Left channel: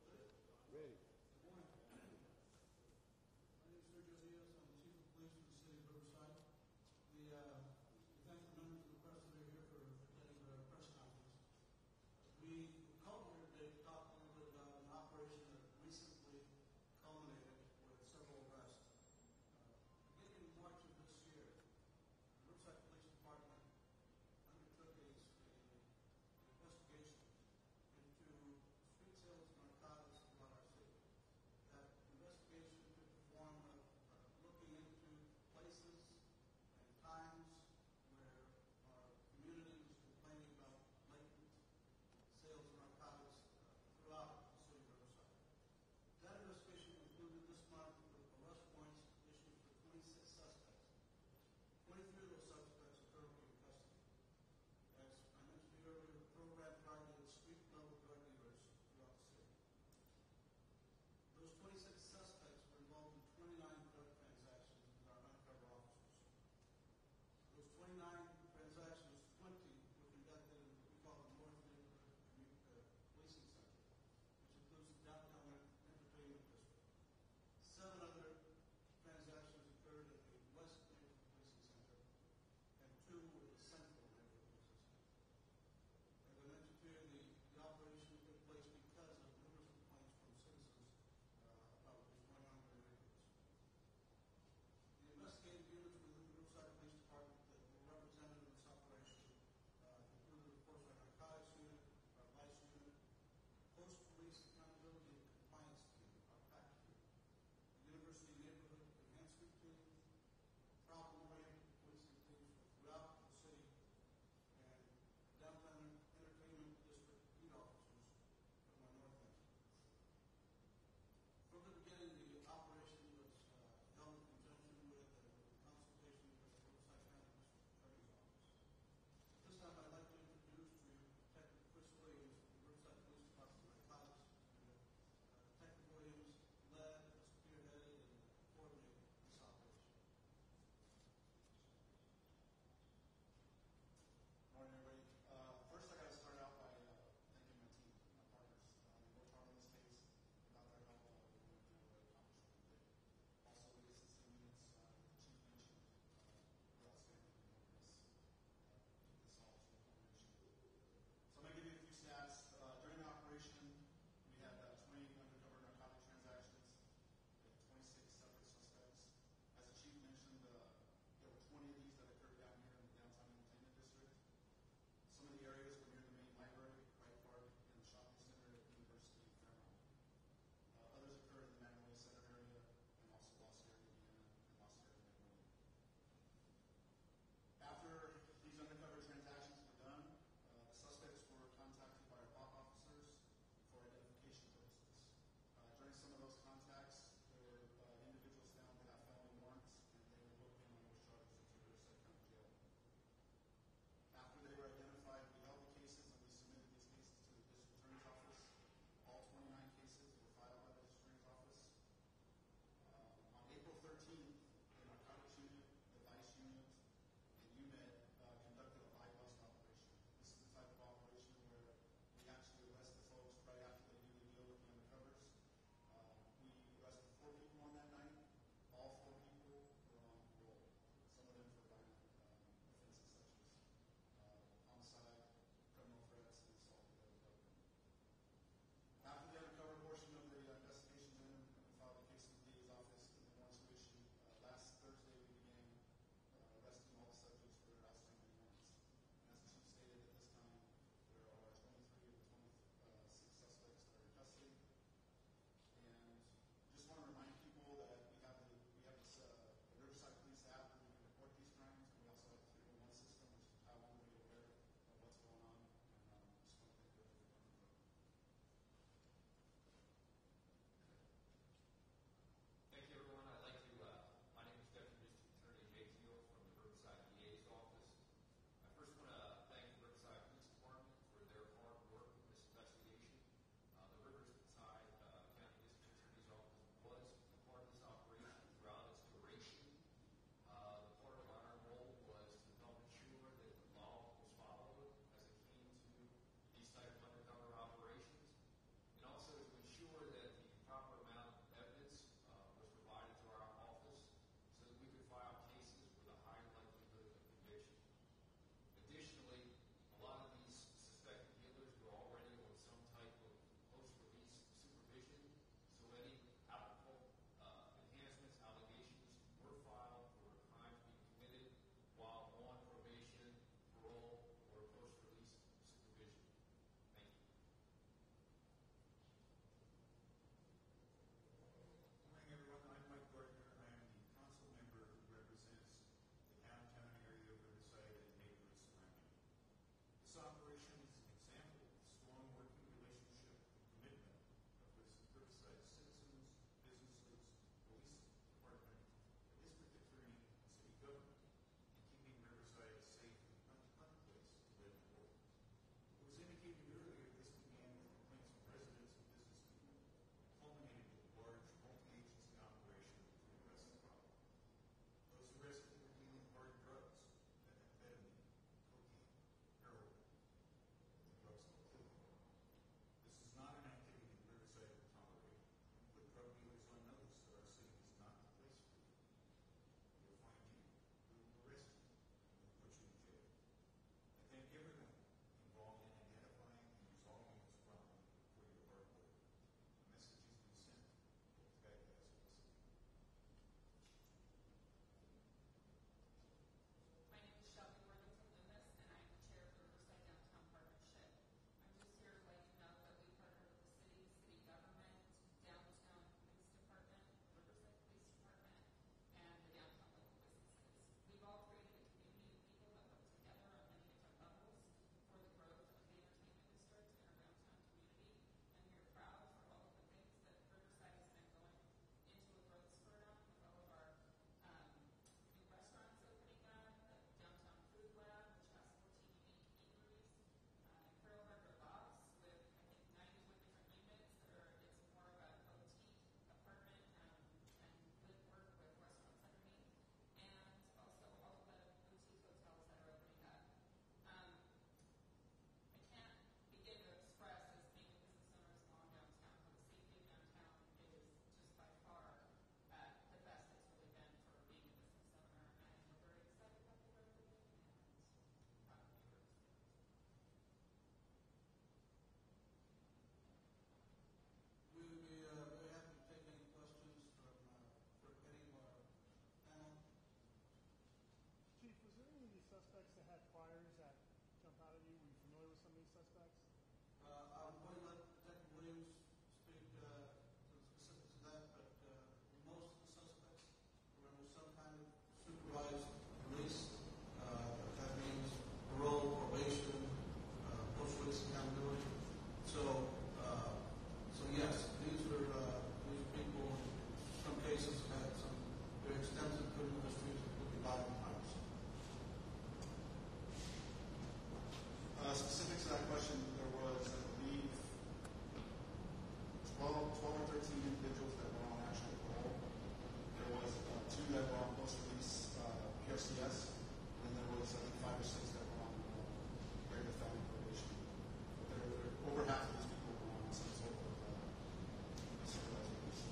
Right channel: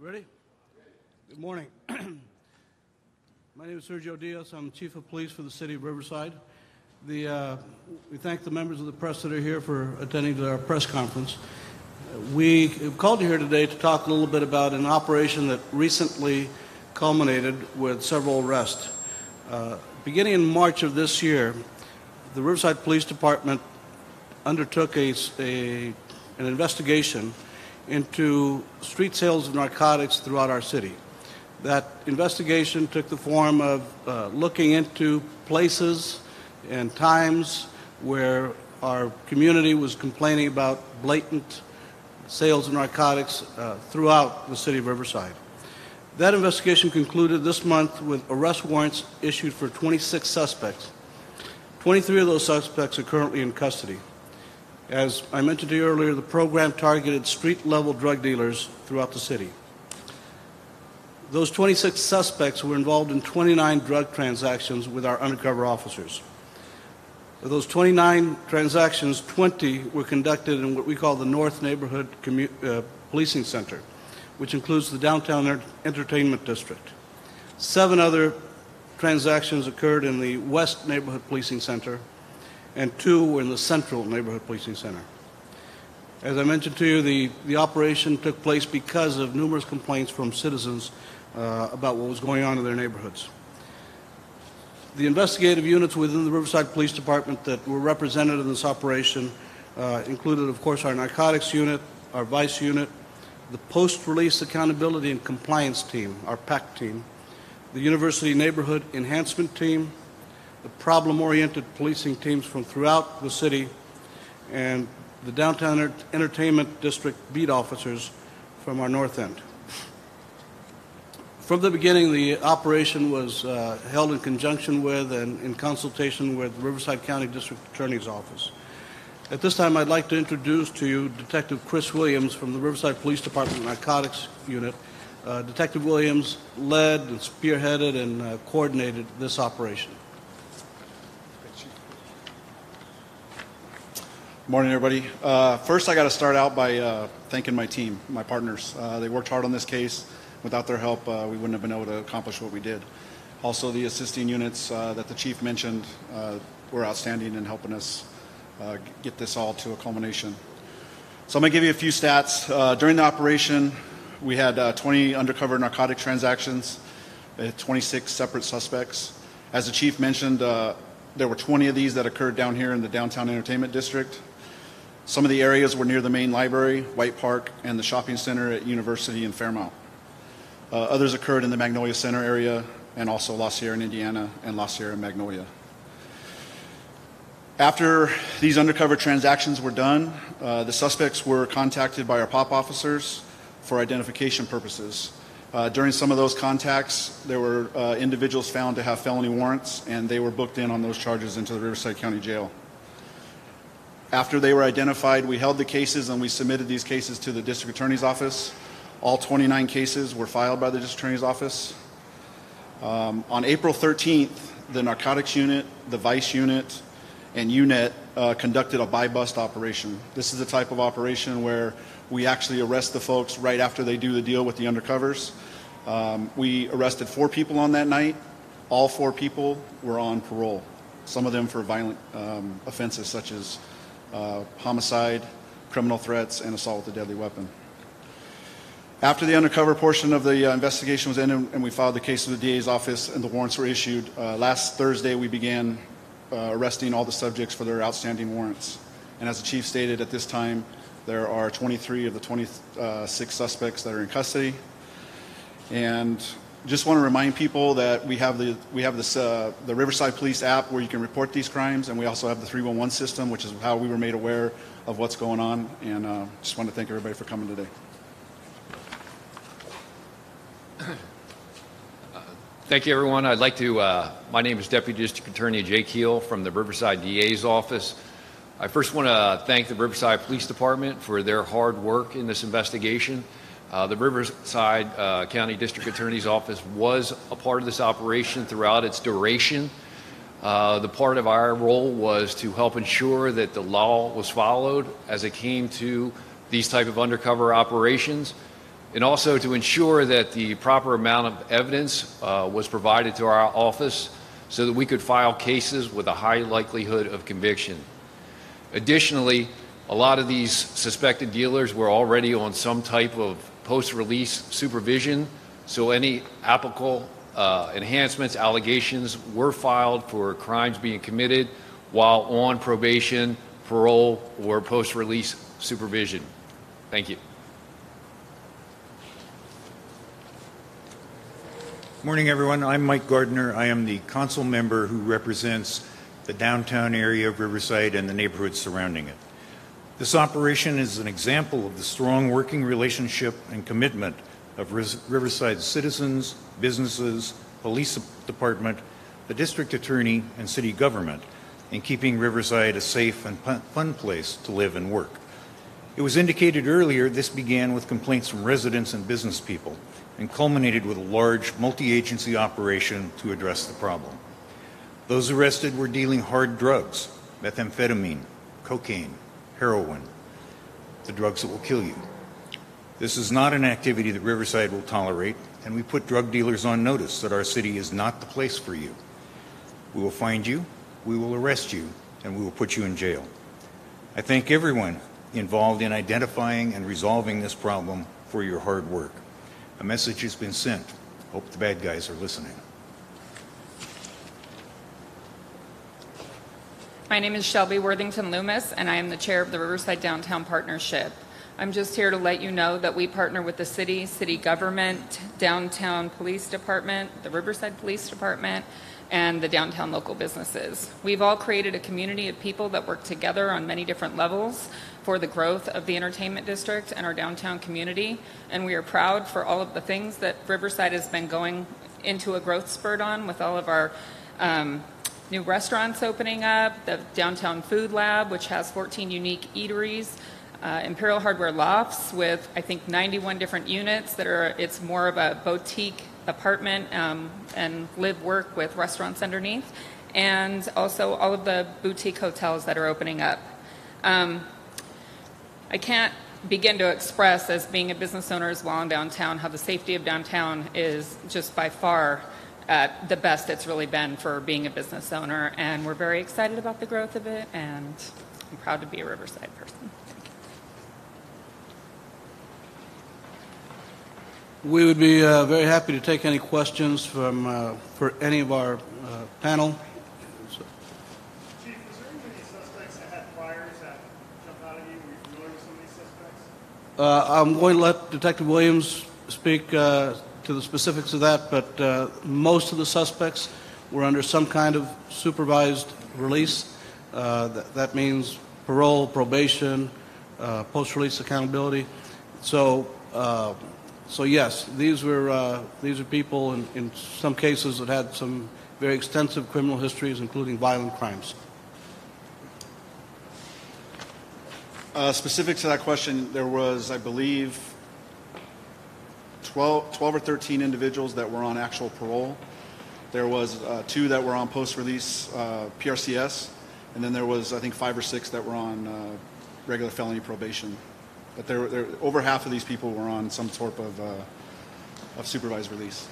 Ready? Good morning. My name is Sergio Diaz. I'm Chief of Police for the City of Riverside. We thank the members of the press that are here for attending to our press conference. We have called you here today to talk a little bit about an operation that recently culminated with several arrests. Beginning in March of this year, the Riverside Police Department undertook an investigation into street sales of narcotics throughout our city. That investigation took the form of looking into places and times where our community was complaining about blatant sales of narcotics throughout the city of Riverside. That investigation concluded this month with arrest warrants issued for 26 suspects. 23 of those suspects are currently in custody. As I mentioned to you earlier, the program targeted street-level drug dealers throughout the city. Those 26 suspects were involved in 29 drug transactions with our undercover officers. Of those 29 transactions, 20 were conducted in what we call the North Neighborhood Policing Center, which includes the Downtown Entertainment District. 7 other transactions occurred in the West Neighborhood Policing Center, and 2 were in the Central Neighborhood Policing Center. As I mentioned to you, the operation took place because of numerous complaints from citizens about what was going on in their neighborhoods. The investigative units within the Riverside Police Department that were represented in this operation included, of course, our narcotics unit, our vice unit, the post-release accountability and compliance team, our PAC team, the University Neighborhood Enhancement Team, the problem-oriented policing teams from throughout the city, and the Downtown Entertainment District beat officers from our north end. From the beginning, the operation was held in conjunction with and in consultation with the Riverside County District Attorney's Office. At this time, I'd like to introduce to you Detective Chris Williams from the Riverside Police Department Narcotics Unit. Detective Williams led and spearheaded and coordinated this operation. Good morning, everybody. First, I got to start out by thanking my team, my partners. They worked hard on this case. Without their help, we wouldn't have been able to accomplish what we did. Also, the assisting units that the chief mentioned were outstanding in helping us get this all to a culmination. So I'm going to give you a few stats. During the operation, we had 20 undercover narcotic transactions, 26 separate suspects. As the chief mentioned, there were 20 of these that occurred down here in the Downtown Entertainment District. Some of the areas were near the main library, White Park, and the shopping center at University and Fairmount. Others occurred in the Magnolia Center area and also La Sierra in Indiana and La Sierra in Magnolia. After these undercover transactions were done, the suspects were contacted by our POP officers for identification purposes. During some of those contacts, there were individuals found to have felony warrants, and they were booked in on those charges into the Riverside County Jail. After they were identified, we held the cases and we submitted these cases to the District Attorney's Office. All 29 cases were filed by the District Attorney's Office. On April 13th, the Narcotics Unit, the Vice Unit, and UNET conducted a buy-bust operation. This is the type of operation where we actually arrest the folks right after they do the deal with the undercovers. We arrested 4 people on that night. All 4 people were on parole, some of them for violent offenses such as homicide, criminal threats, and assault with a deadly weapon. After the undercover portion of the investigation was ended and we filed the case with the DA's office and the warrants were issued, last Thursday we began arresting all the subjects for their outstanding warrants. And as the chief stated, at this time there are 23 of the 26 suspects that are in custody. And just want to remind people that we have the Riverside Police app where you can report these crimes, and we also have the 311 system, which is how we were made aware of what's going on. And just want to thank everybody for coming today. Thank you, everyone. I'd like to, my name is Deputy District Attorney Jay Keel from the Riverside DA's office. I first want to thank the Riverside Police Department for their hard work in this investigation. The Riverside County District Attorney's Office was a part of this operation throughout its duration. The part of our role was to help ensure that the law was followed as it came to these type of undercover operations, and also to ensure that the proper amount of evidence was provided to our office so that we could file cases with a high likelihood of conviction. Additionally, a lot of these suspected dealers were already on some type of post-release supervision, so any applicable enhancements, allegations were filed for crimes being committed while on probation, parole, or post-release supervision. Thank you. Morning, everyone. I'm Mike Gardner. I am the council member who represents the downtown area of Riverside and the neighborhoods surrounding it. This operation is an example of the strong working relationship and commitment of Riverside citizens, businesses, police department, the district attorney, and city government in keeping Riverside a safe and fun place to live and work. It was indicated earlier this began with complaints from residents and business people and culminated with a large multi-agency operation to address the problem. Those arrested were dealing hard drugs, methamphetamine, cocaine, heroin, the drugs that will kill you. This is not an activity that Riverside will tolerate, and we put drug dealers on notice that our city is not the place for you. We will find you, we will arrest you, and we will put you in jail. I thank everyone involved in identifying and resolving this problem for your hard work. A message has been sent. Hope the bad guys are listening. My name is Shelby Worthington Loomis, and I am the chair of the Riverside Downtown Partnership. I'm just here to let you know that we partner with the city, city government, downtown police department, the Riverside Police Department, and the downtown local businesses. We've all created a community of people that work together on many different levels for the growth of the entertainment district and our downtown community, and we are proud for all of the things that Riverside has been going into a growth spurt on with all of our new restaurants opening up, the Downtown Food Lab, which has 14 unique eateries, Imperial Hardware Lofts with, I think, 91 different units that are, it's more of a boutique apartment and live work with restaurants underneath, and also all of the boutique hotels that are opening up. I can't begin to express, as being a business owner as well in downtown, how the safety of downtown is just by far the best it's really been for being a business owner, and we're very excited about the growth of it, and I'm proud to be a Riverside person. We would be very happy to take any questions from for any of our panel. Chief, was there any suspects that had priors that jumped out at you? Were you familiar with some of these suspects? I'm going to let Detective Williams speak to the specifics of that, but most of the suspects were under some kind of supervised release. That means parole, probation, post-release accountability. So yes, these are people in some cases that had some very extensive criminal histories, including violent crimes. Specific to that question, there was, I believe, 12 or 13 individuals that were on actual parole. There was 2 that were on post-release PRCS, and then there was, I think, 5 or 6 that were on regular felony probation. But there over half of these people were on some sort of supervised release.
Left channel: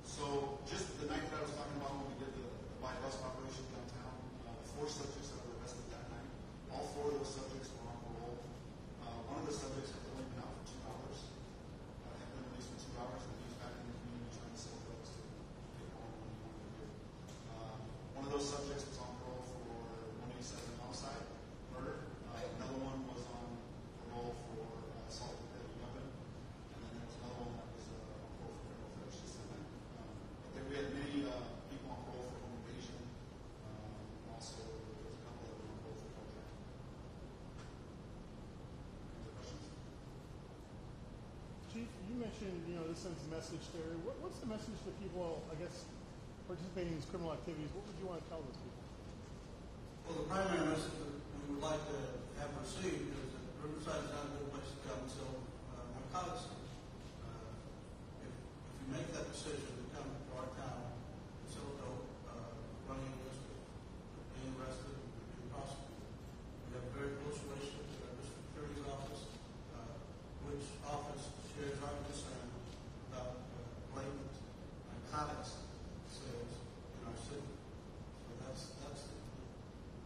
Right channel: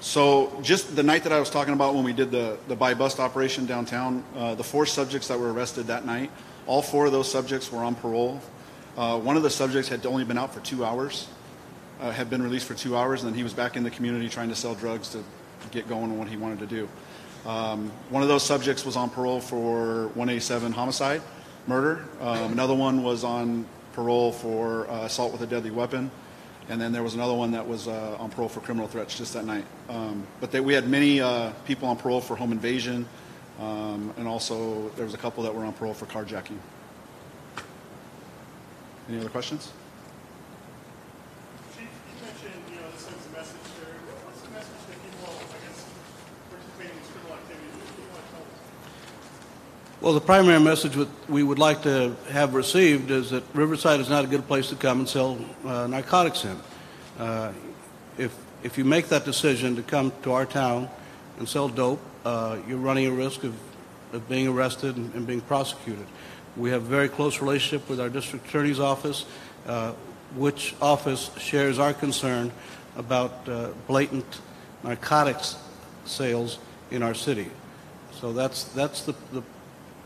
So just the night that I was talking about when we did the buy-bust operation downtown, the 4 subjects that were arrested that night, all 4 of those subjects were on parole. One of the subjects had only been out for 2 hours, had been released for 2 hours, and then he was back in the community trying to sell drugs to get going on what he wanted to do. One of those subjects was on parole for 187 homicide, murder. Another one was on parole for assault with a deadly weapon. And then there was another one that was on parole for criminal threats just that night. But we had many people on parole for home invasion, and also there was a couple that were on parole for carjacking. Any other questions? Chief, you mentioned, this sends a message there. What's the message that people, I guess, participating in this criminal activity, what do you want to tell us? Well, the primary message we would like to have received is that Riverside is not a good place to come and sell narcotics in. If if you make that decision to come to our town and sell dope, you're running a risk of being arrested and being prosecuted. We have a very close relationship with our district attorney's office, which office shares our concern about blatant narcotics sales in our city. So that's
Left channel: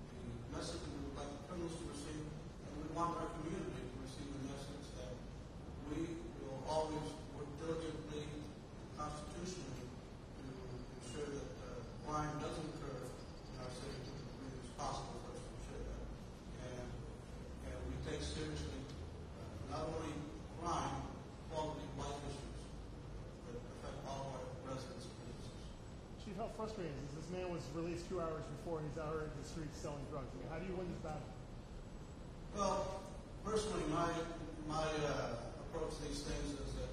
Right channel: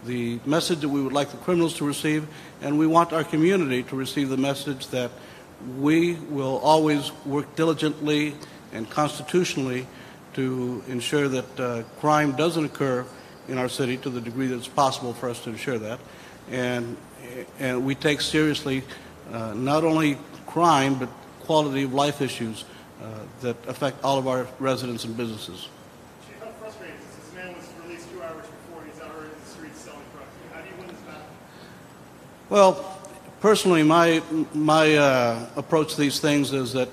the message that we would like the criminals to receive, and we want our community to receive the message that we will always work diligently and constitutionally to ensure that crime doesn't occur in our city to the degree that it's possible for us to ensure that. And we take seriously not only crime, but quality of life issues that affect all of our residents and businesses. Chief, how frustrating is this? This man was released 2 hours before and he's out already in the streets selling drugs. How do you win this battle? Well, personally, my approach to these things is that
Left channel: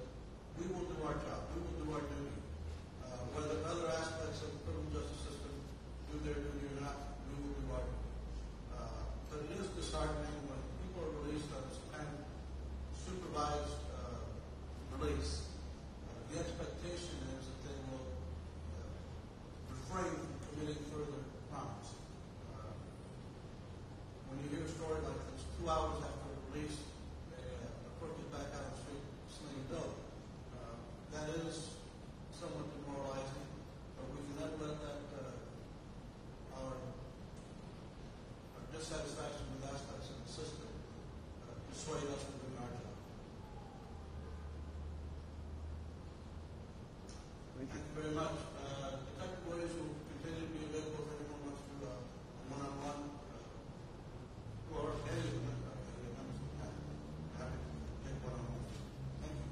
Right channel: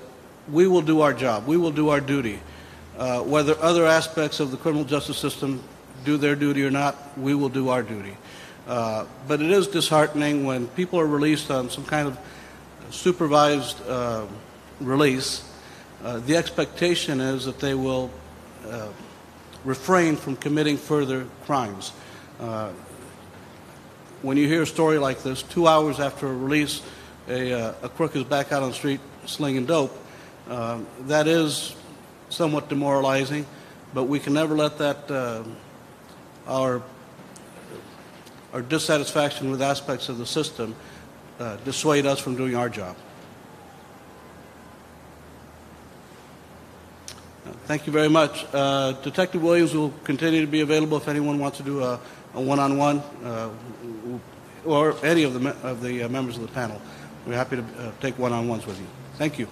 we will do our job. We will do our duty. Whether other aspects of the criminal justice system do their duty or not, we will do our duty. But it is disheartening when people are released on some kind of supervised release. The expectation is that they will refrain from committing further crimes. When you hear a story like this, 2 hours after a release, a crook is back out on the street slinging dope, that is somewhat demoralizing, but we can never let that our dissatisfaction with aspects of the system dissuade us from doing our job. Thank you very much. Detective Williams will continue to be available if anyone wants to do a one-on-one, or any of the members of the panel. We're happy to take one-on-ones with you. Thank you.